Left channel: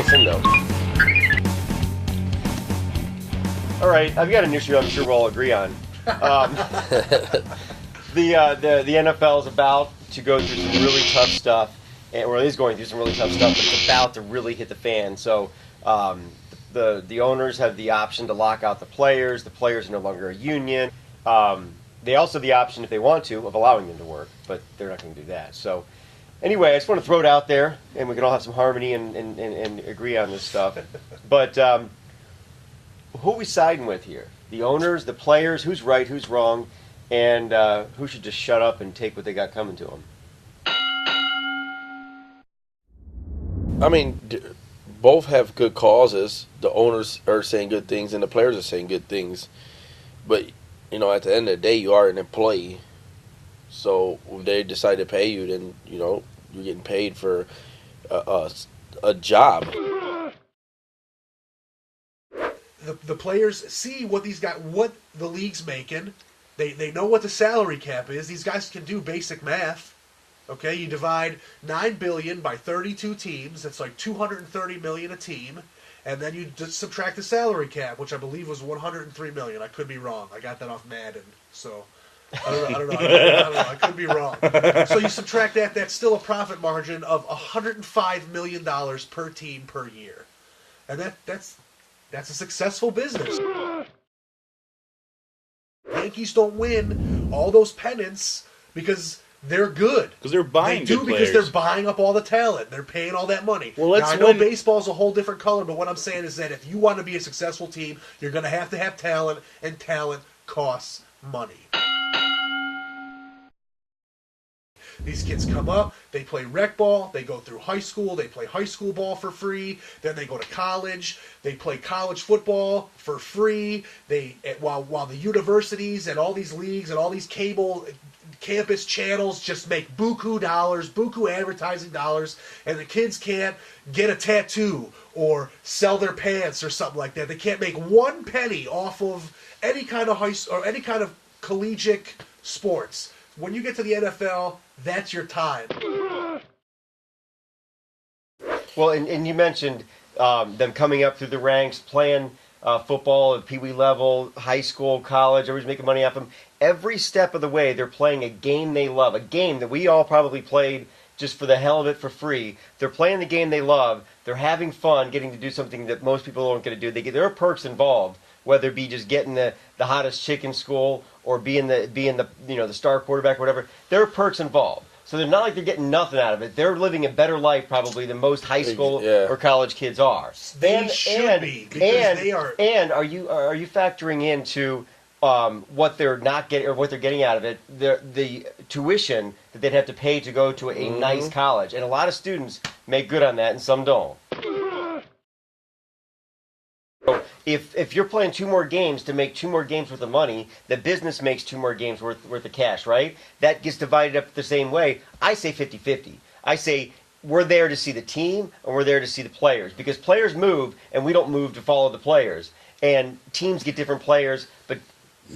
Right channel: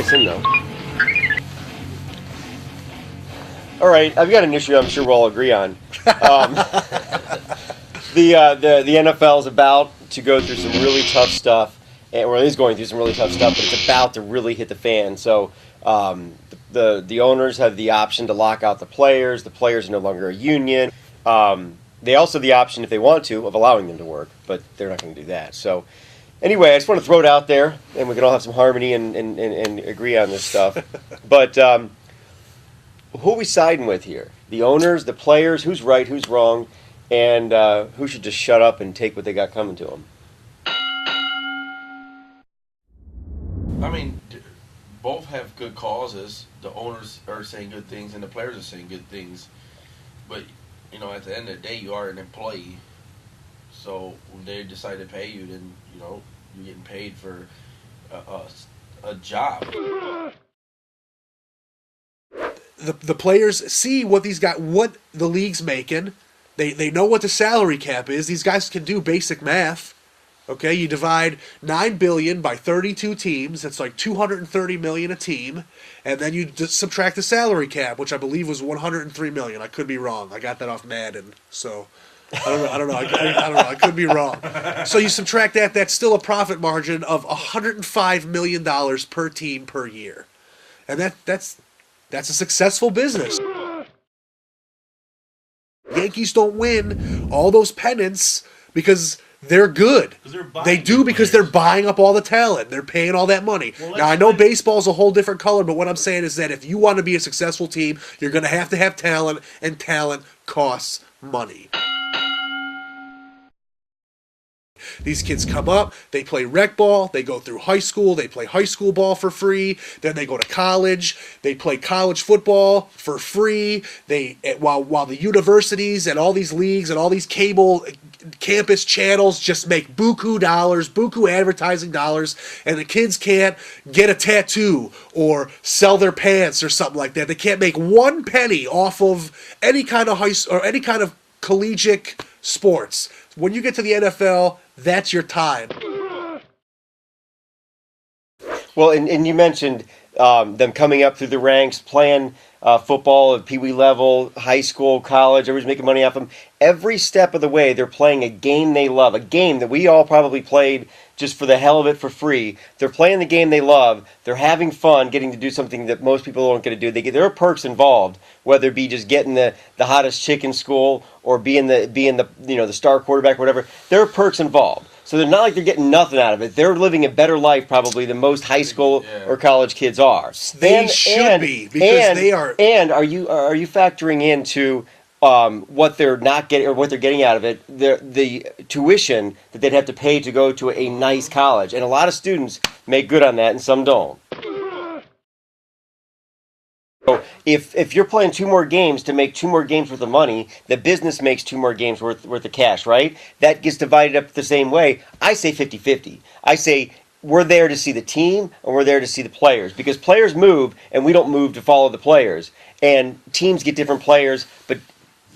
us in, though. All right, I've got an issue I'm sure we'll all agree on. The NFL is about to go through some really tough stuff, or it is going through some really tough stuff, but it's about to really hit the fan. So the owners have the option to lock out the players. The players are no longer a union. They also have the option, if they want to, of allowing them to work, but they're not going to do that. So anyway, I just want to throw it out there, and we can all have some harmony and agree on this stuff. But who are we siding with here? The owners, the players, who's right, who's wrong, and who should just shut up and take what they got coming to them? I mean, both have good causes. The owners are saying good things, and the players are saying good things. But, you know, at the end of the day, you are an employee. So when they decide to pay you, then, you know, you're getting paid for a job. The players see what what the league's making. They know what the salary cap is. These guys can do basic math. Okay, you divide $9 billion by 32 teams. That's like $230 million a team, and then you subtract the salary cap, which I believe was $103 million. I could be wrong. I got that off Madden, so I don't know. I could be wrong. So you subtract that. That's still a profit margin of $105 million per team per year, and that's a successful business. Yankees don't win all those pennants because they're good. Because they're buying. They do because they're buying up all the talent. They're paying all that money. Well, now, I know baseball's a whole different color, but what I'm saying is that if you want to be a successful team, you're going to have talent, and talent costs money. These kids come up, they play rec ball, they go through high school, they play high school ball for free, then they go to college, they play college football for free. While the universities and all these leagues and all these cable campus channels just make buku advertising dollars, and the kids can't get a tattoo or sell their pants or something like that. They can't make one penny off of any kind of any kind of collegiate sports. When you get to the NFL, that's your time. Well, and you mentioned them coming up through the ranks, playing football at Pee Wee level, high school, college, everybody's making money off them. Every step of the way, they're playing a game they love, a game that we all probably played just for the hell of it for free. They're playing the game they love. They're having fun, getting to do something that most people don't get to do. There are perks involved, whether it be just getting the hottest chick in school or being the the star quarterback or whatever. There are perks involved. So they're not like they're getting nothing out of it. They're living a better life probably than most high school or college kids are. They should be, because they are. And are you factoring into what they're not getting or what they're getting out of it? The tuition that they'd have to pay to go to a nice college, and a lot of students make good on that, and some don't. So if you're playing 2 more games to make 2 more games worth of money, the business makes 2 more games worth of cash, right? That gets divided up the same way. I say 50-50. I say we're there to see the team and we're there to see the players, because players move and we don't move to follow the players. And teams get different players, but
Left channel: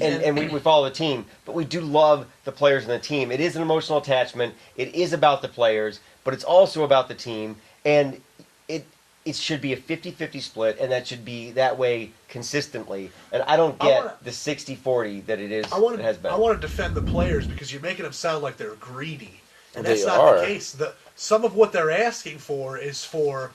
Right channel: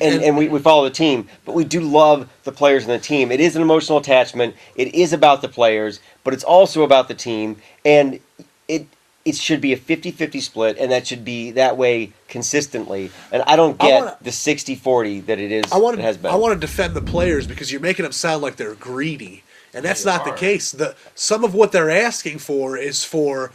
and we follow the team. But we do love the players and the team. It is an emotional attachment. It is about the players, but it's also about the team. And it should be a 50-50 split, and that should be that way consistently. And I don't get the 60-40 that it has been. I want to defend the players, because you're making them sound like they're greedy, and that's not the case. Some of what they're asking for is for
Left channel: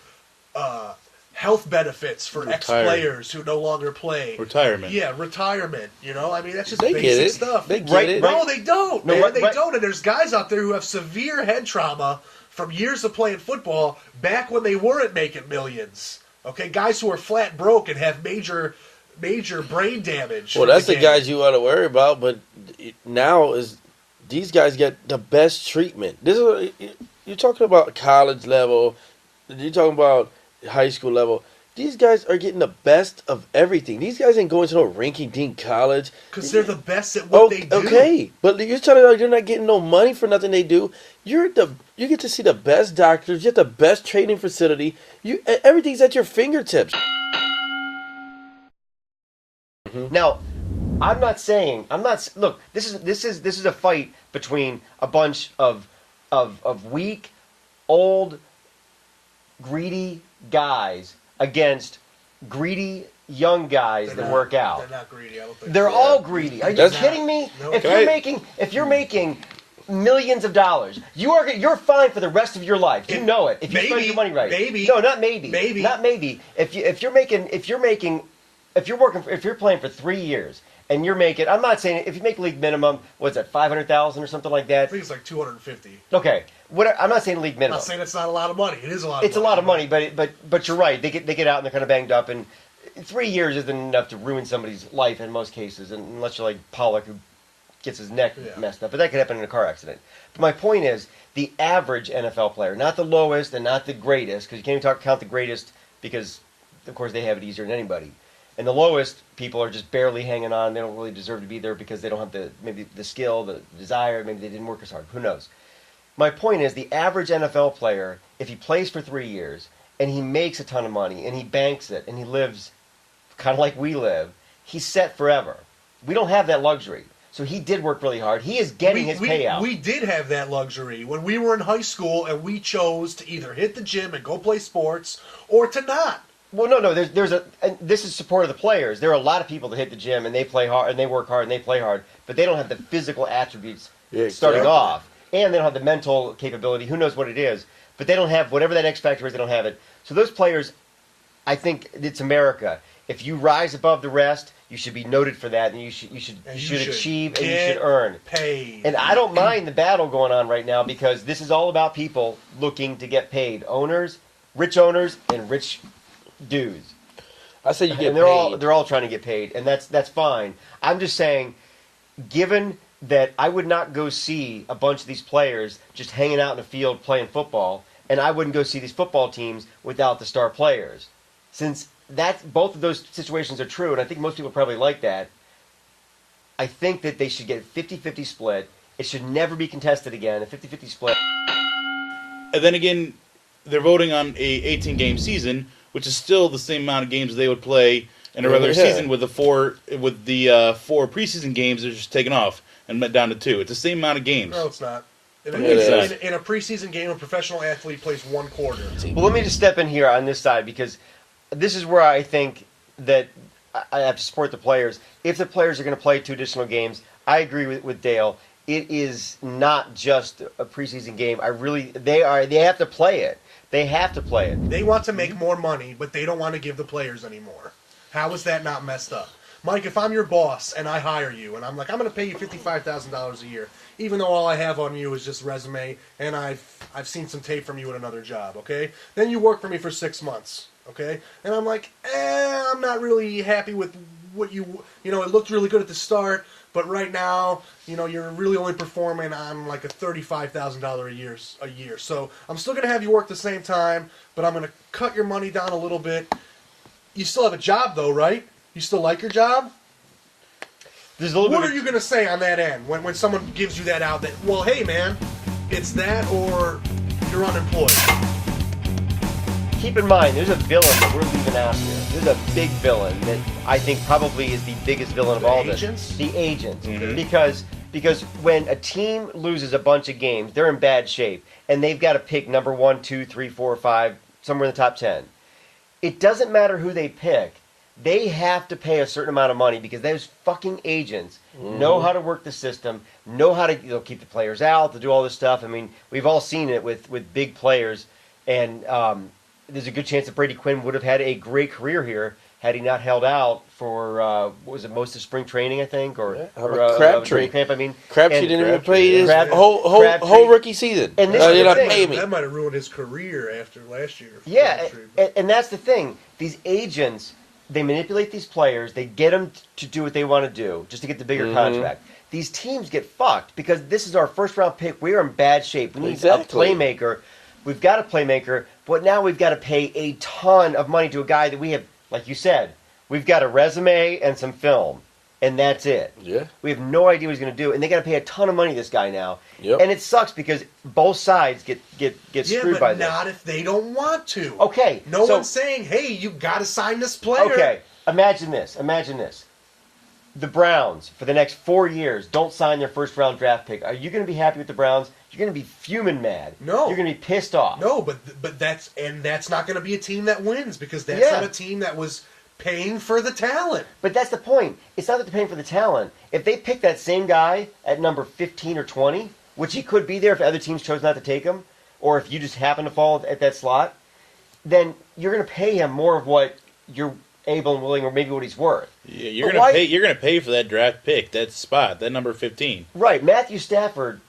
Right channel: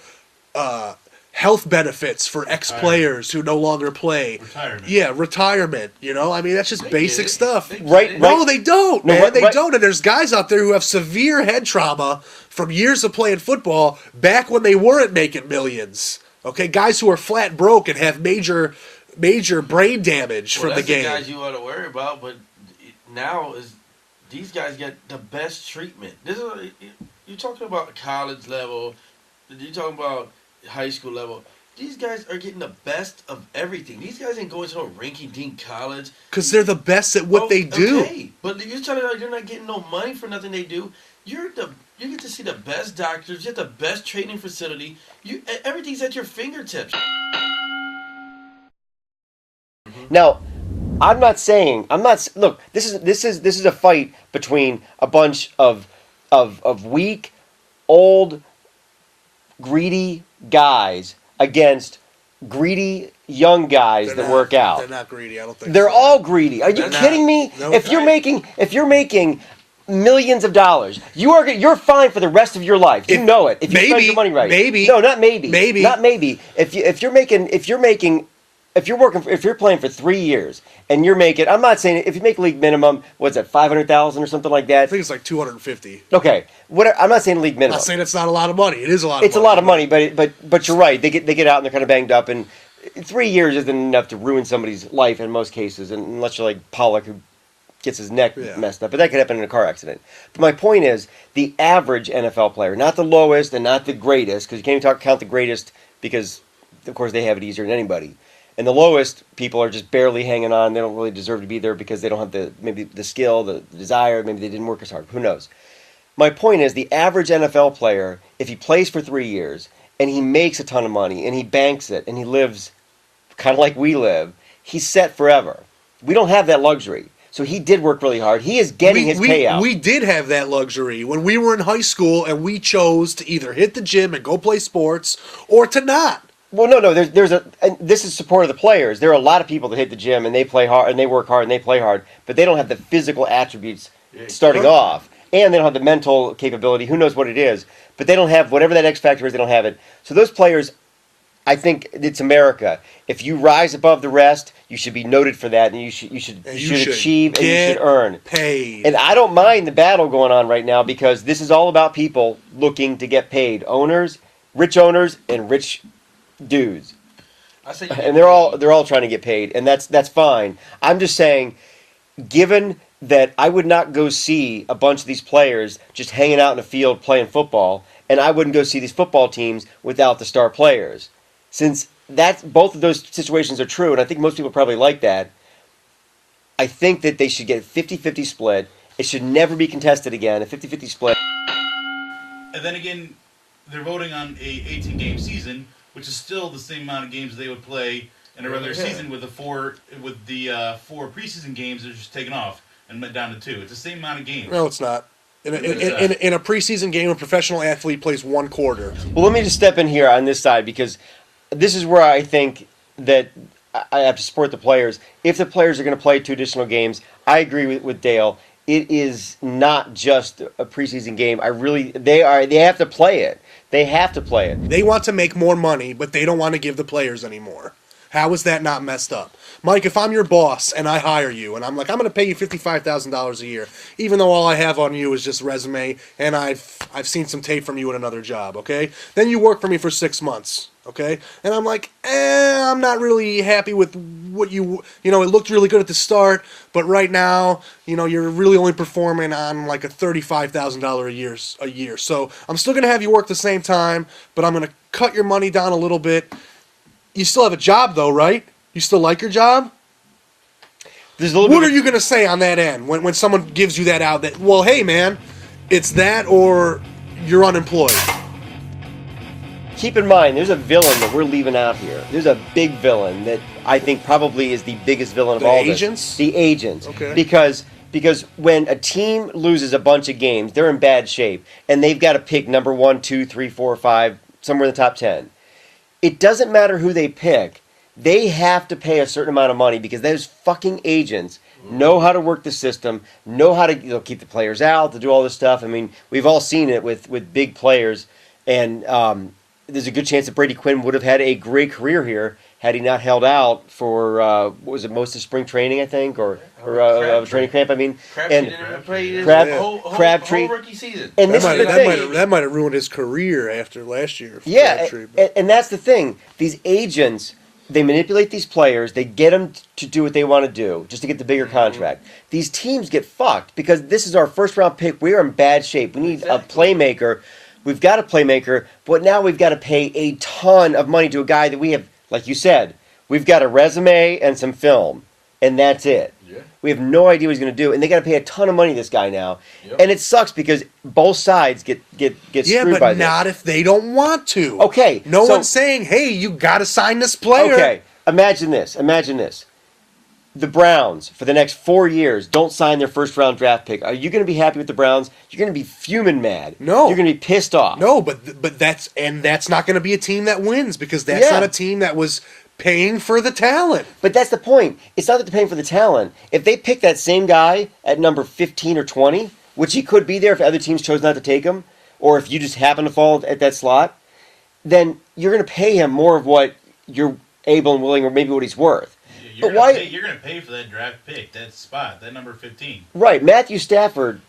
health benefits for ex-players who no longer play. Retirement. Yeah, retirement. You know, I mean, that's just basic stuff. They get it. No, they don't, man. They don't. And there's guys out there who have severe head trauma from years of playing football back when they weren't making millions. Okay, guys who are flat broke and have major brain damage. Well, that's the guys you ought to worry about. But now these guys get the best treatment. You're talking about college level. You're talking about high school level. These guys are getting the best of everything. These guys ain't going to no rinky-dink college. Because they're the best at what they do. Okay, but you're telling me they're not getting no money for nothing they do. You get to see the best doctors. You get the best training facility. Everything's at your fingertips. Now, look, this is a fight between a bunch of weak, old, greedy guys against greedy young guys that work out. They're not greedy. I don't think They're so. all greedy. Are you kidding me? No, if you're making millions of dollars, you're fine for the rest of your life. You know it. If you spend your money right. Maybe. No, not maybe. Maybe. Not maybe. If you're playing for 3 years and you're making, I'm not saying if you make league minimum, what's that, 500,000 or something like that? I think it's like 250. Okay, I'm not saying league minimum. I'm not saying it's not a lot of money. It is a lot of money. It's a lot of money, but you're right. They get out and they're kind of banged up, and 3 years isn't enough to ruin somebody's life in most cases, unless you're like Pollock, who gets his neck messed up. But that could happen in a car accident. But my point is, the average NFL player, not the lowest and not the greatest, because you can't even count the greatest because, of course, they have it easier than anybody. And the lowest people are just barely hanging on. They don't really deserve to be there because they don't have maybe the skill, the desire. Maybe they didn't work as hard. Who knows? My point is, the average NFL player, if he plays for 3 years and he makes a ton of money and he banks it and he lives kind of like we live, he's set forever. We don't have that luxury. So he did work really hard. He is getting his payout. We did have that luxury when we were in high school, and we chose to either hit the gym and go play sports or to not. Well, no. And this is support of the players. There are a lot of people that hit the gym and they play hard and they work hard and they play hard, but they don't have the physical attributes starting off, and they don't have the mental capability. Who knows what it is? But they don't have whatever that X factor is. They don't have it. So those players, I think it's America. If you rise above the rest, you should be noted for that, and you should achieve and you should earn. Paid. And I don't mind the battle going on right now because this is all about people looking to get paid. Owners, and rich dudes. I said you get and they're all trying to get paid, and that's fine. I'm just saying, given that I would not go see a bunch of these players just hanging out in a field playing football, and I wouldn't go see these football teams without the star players. Since both of those situations are true, and I think most people probably like that, I think that they should get a 50-50 split. It should never be contested again, a 50-50 split. And then again, they're voting on a 18-game season, which is still the same amount of games they would play in a regular season with the four preseason games. They're just taken off and met down to 2. It's the same amount of games. No, it's not. In a preseason game, a professional athlete plays 1 quarter. Well, let me just step in here on this side because this is where I think that I have to support the players. If the players are going to play 2 additional games, I agree with Dale. It is not just a preseason game. They have to play it. They have to play it. They want to make more money, but they don't want to give the players any more. How is that not messed up? Mike, if I'm your boss and I hire you and I'm like, I'm going to pay you $55,000 a year, even though all I have on you is just resume and I've seen some tape from you in another job, okay? Then you work for me for 6 months, okay? And I'm like, I'm not really happy with what it looked really good at the start, but right now, you're really only performing on like a $35,000 a year. So I'm still going to have you work the same time, but I'm going to cut your money down a little bit. You still have a job though, right? You still like your job? What are you going to say on that end when someone gives you that out that, well, hey, man, it's that or you're unemployed? Keep in mind, there's a villain that we're leaving out here. There's a big villain that I think probably is the biggest villain of all this. The agents? The agents. Okay. Because when a team loses a bunch of games, they're in bad shape, and they've got to pick number 1, 2, 3, 4, 5, somewhere in the top 10. It doesn't matter who they pick. They have to pay a certain amount of money because those fucking agents know how to work the system, know how to keep the players out, to do all this stuff. I mean, we've all seen it with big players, and there's a good chance that Brady Quinn would have had a great career here had he not held out for most of spring training, I think, or training camp. I mean, Crabtree didn't even play his whole rookie season. And that might have ruined his career after last year. Yeah, and that's the thing. These agents, they manipulate these players. They get them to do what they want to do just to get the bigger contract. These teams get fucked because this is our first-round pick. We are in bad shape. We need a playmaker. We've got a playmaker, but now we've got to pay a ton of money to a guy that we have, like you said, we've got a resume and some film, and that's it. Yeah. We have no idea what he's going to do, and they got to pay a ton of money to this guy now. Yep. And it sucks because both sides get screwed by this. Yeah, but not if they don't want to. Okay. No one's saying, hey, you got to sign this player. Okay. Imagine this. the Browns for the next 4 years don't sign their first-round draft pick, are you going to be happy with the Browns? You're going to be fuming mad. No. You're going to be pissed off. No, but that's not going to be a team that wins because that's not a team that was paying for the talent. But that's the point. It's not that they're paying for the talent. If they pick that same guy at number 15 or 20, which he could be there if other teams chose not to take him, or if you just happen to fall at that slot, then you're going to pay him more of what you're able and willing, or maybe what he's worth. Yeah, you're gonna pay. You're gonna pay for that draft pick, that spot, that number 15. Right. Matthew Stafford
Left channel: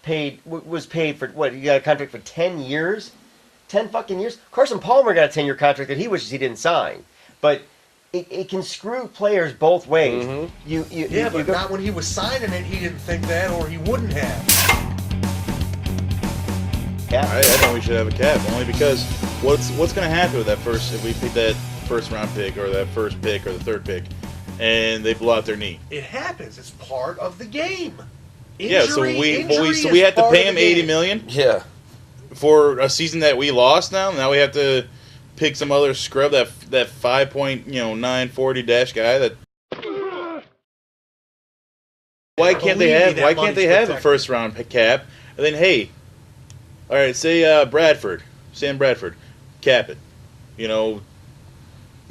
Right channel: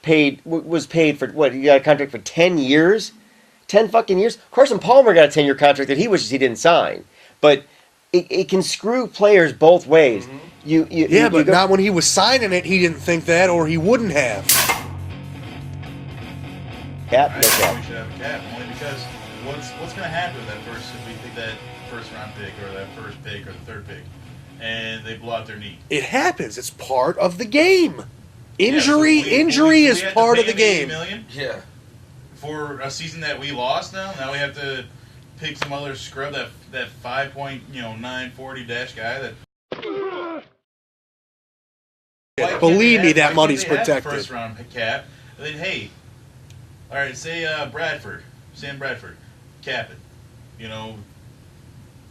was paid for what? He got a contract for 10 years, 10 fucking years. Carson Palmer got a 10-year contract that he wishes he didn't sign, but it can screw players both ways. Mm-hmm. But not when he was signing it. He didn't think that, or he wouldn't have. I think we should have a cap only because what's going to happen with that if we pick that first round pick or that first pick or the third pick, and they blow out their knee. It happens. It's part of the game. Injury is part of the game. $80 million. Yeah. For a season that we lost now we have to pick some other scrub, that 5.940 dash guy that. Why can't they have a first round cap? And then all right, say Sam Bradford, cap it.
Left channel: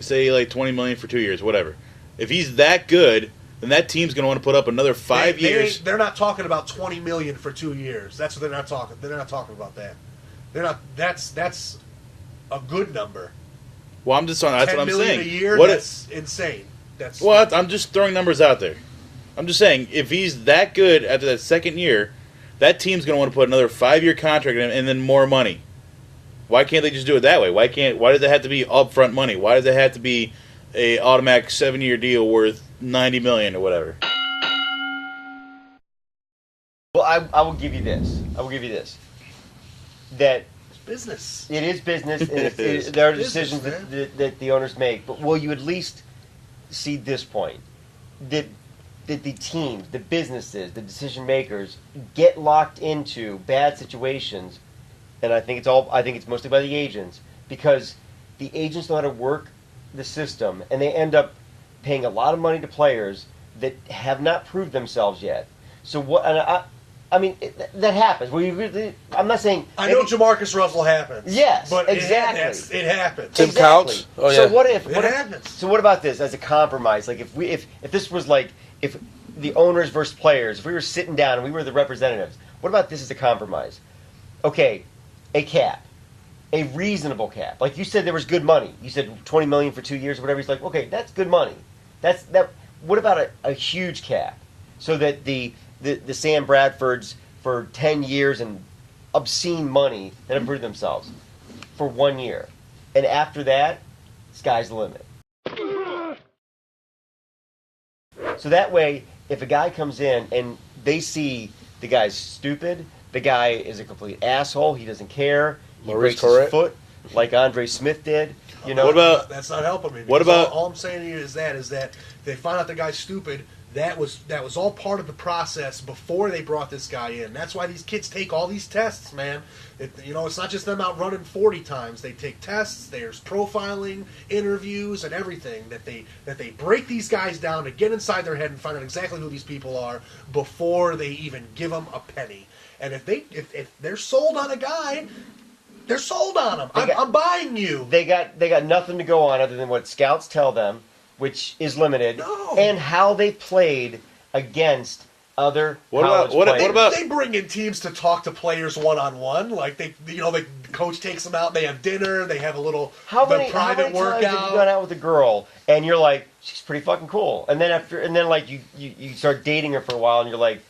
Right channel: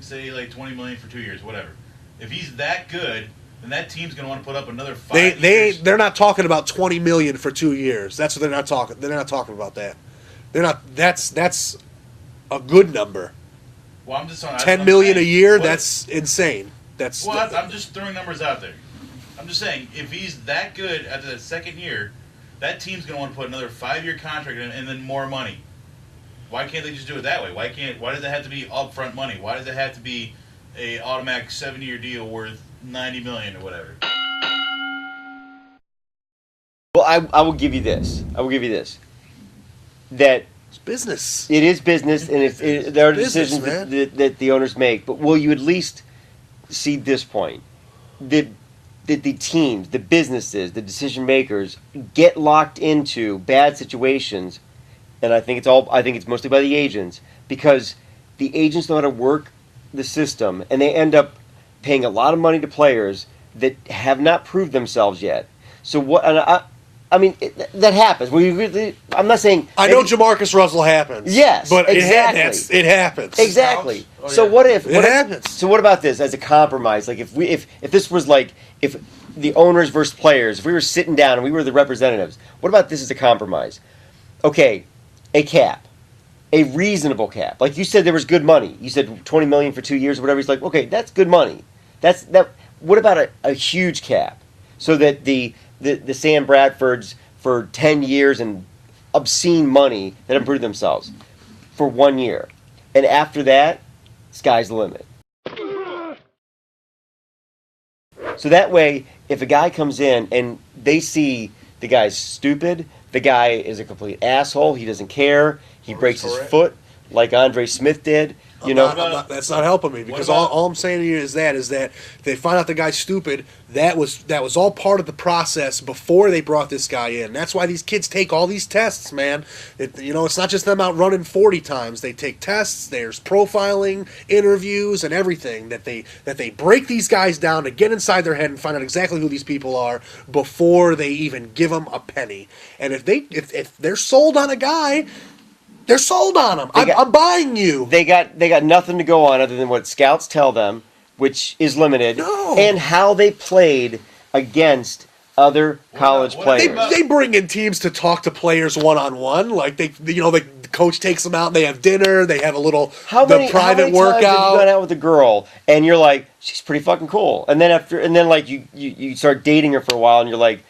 Say like $20 million for 2 years, whatever. If he's that good, then that team's going to want to put up another 5 years. They're not talking about $20 million for 2 years. That's what they're not talking. They're not talking about that. They're not. That's a good number. Well, I'm just on $10 million a year. That's insane. I'm just throwing numbers out there. I'm just saying, if he's that good after that second year, that team's going to want to put another 5-year contract in him and then more money. Why can't they just do it that way? Why does it have to be upfront money? Why does it have to be a automatic 7-year deal worth $90 million or whatever? Well, I will give you this. That it's business. It is business, and there are decisions that the owners make. But will you at least see this point? That the teams, the businesses, the decision makers get locked into bad situations, and I think it's mostly by the agents, because the agents know how to work the system, and they end up paying a lot of money to players that have not proved themselves yet. So what? And I mean, that happens. I'm not saying. I know Jamarcus Russell happens. Yes, but exactly. it happens. Exactly. Oh, yeah. So what if it happens? So what about this as a compromise? Like if this was like if the owners versus players, if we were sitting down and we were the representatives, what about this as a compromise? Okay, a cap, a reasonable cap. Like you said, there was good money. You said $20 million for 2 years or whatever. He's like, okay, that's good money. That's that. What about a huge cap, so that the Sam Bradfords for 10 years and obscene money that improved themselves for 1 year, and after that, sky's the limit. So that way, if a guy comes in and they see the guy's stupid, the guy is a complete asshole, he doesn't care, he breaks his foot like Andre Smith did. That's not helping me. What about all I'm saying to you is that if they find out the guy's stupid, that was all part of the process before they brought this guy in. That's why these kids take all these tests, man. It's not just them out running 40 times. They take tests. There's profiling, interviews, and everything that they break these guys down to get inside their head and find out exactly who these people are before they even give them a penny. And if they're sold on a guy, they're sold on him. I'm buying you. They got nothing to go on other than what scouts tell them, which is limited, and how they played against other college players. They bring in teams to talk to players one-on-one. Like the coach takes them out, and they have dinner, they have a little private workout. How many times have you gone out with a girl and you're like, she's pretty fucking cool, and then like you start dating her for a while and you're like,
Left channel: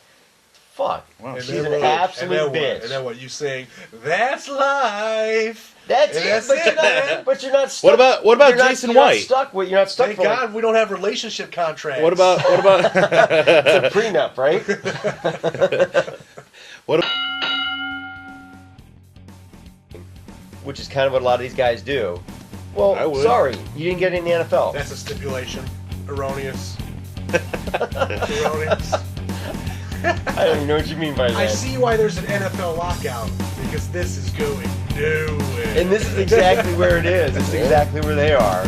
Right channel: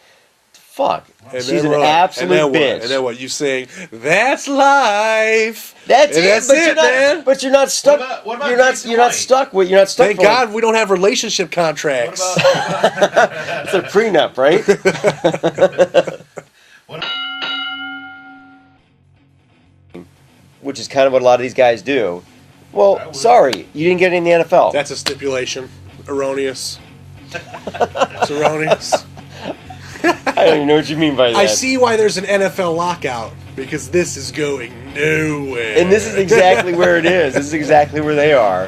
fuck, she's an absolute bitch. And then what? You sing, that's life. That's it, man. But you're not stuck. What about Jason White? You're not stuck. Thank God we don't have relationship contracts. What about it's a prenup, right? Which is kind of what a lot of these guys do. Well, sorry, you didn't get it in the NFL. That's a stipulation. Erroneous. It's erroneous. I don't even know what you mean by that. I see why there's an NFL lockout, because this is going nowhere. And this is exactly where it is. This is exactly where they are.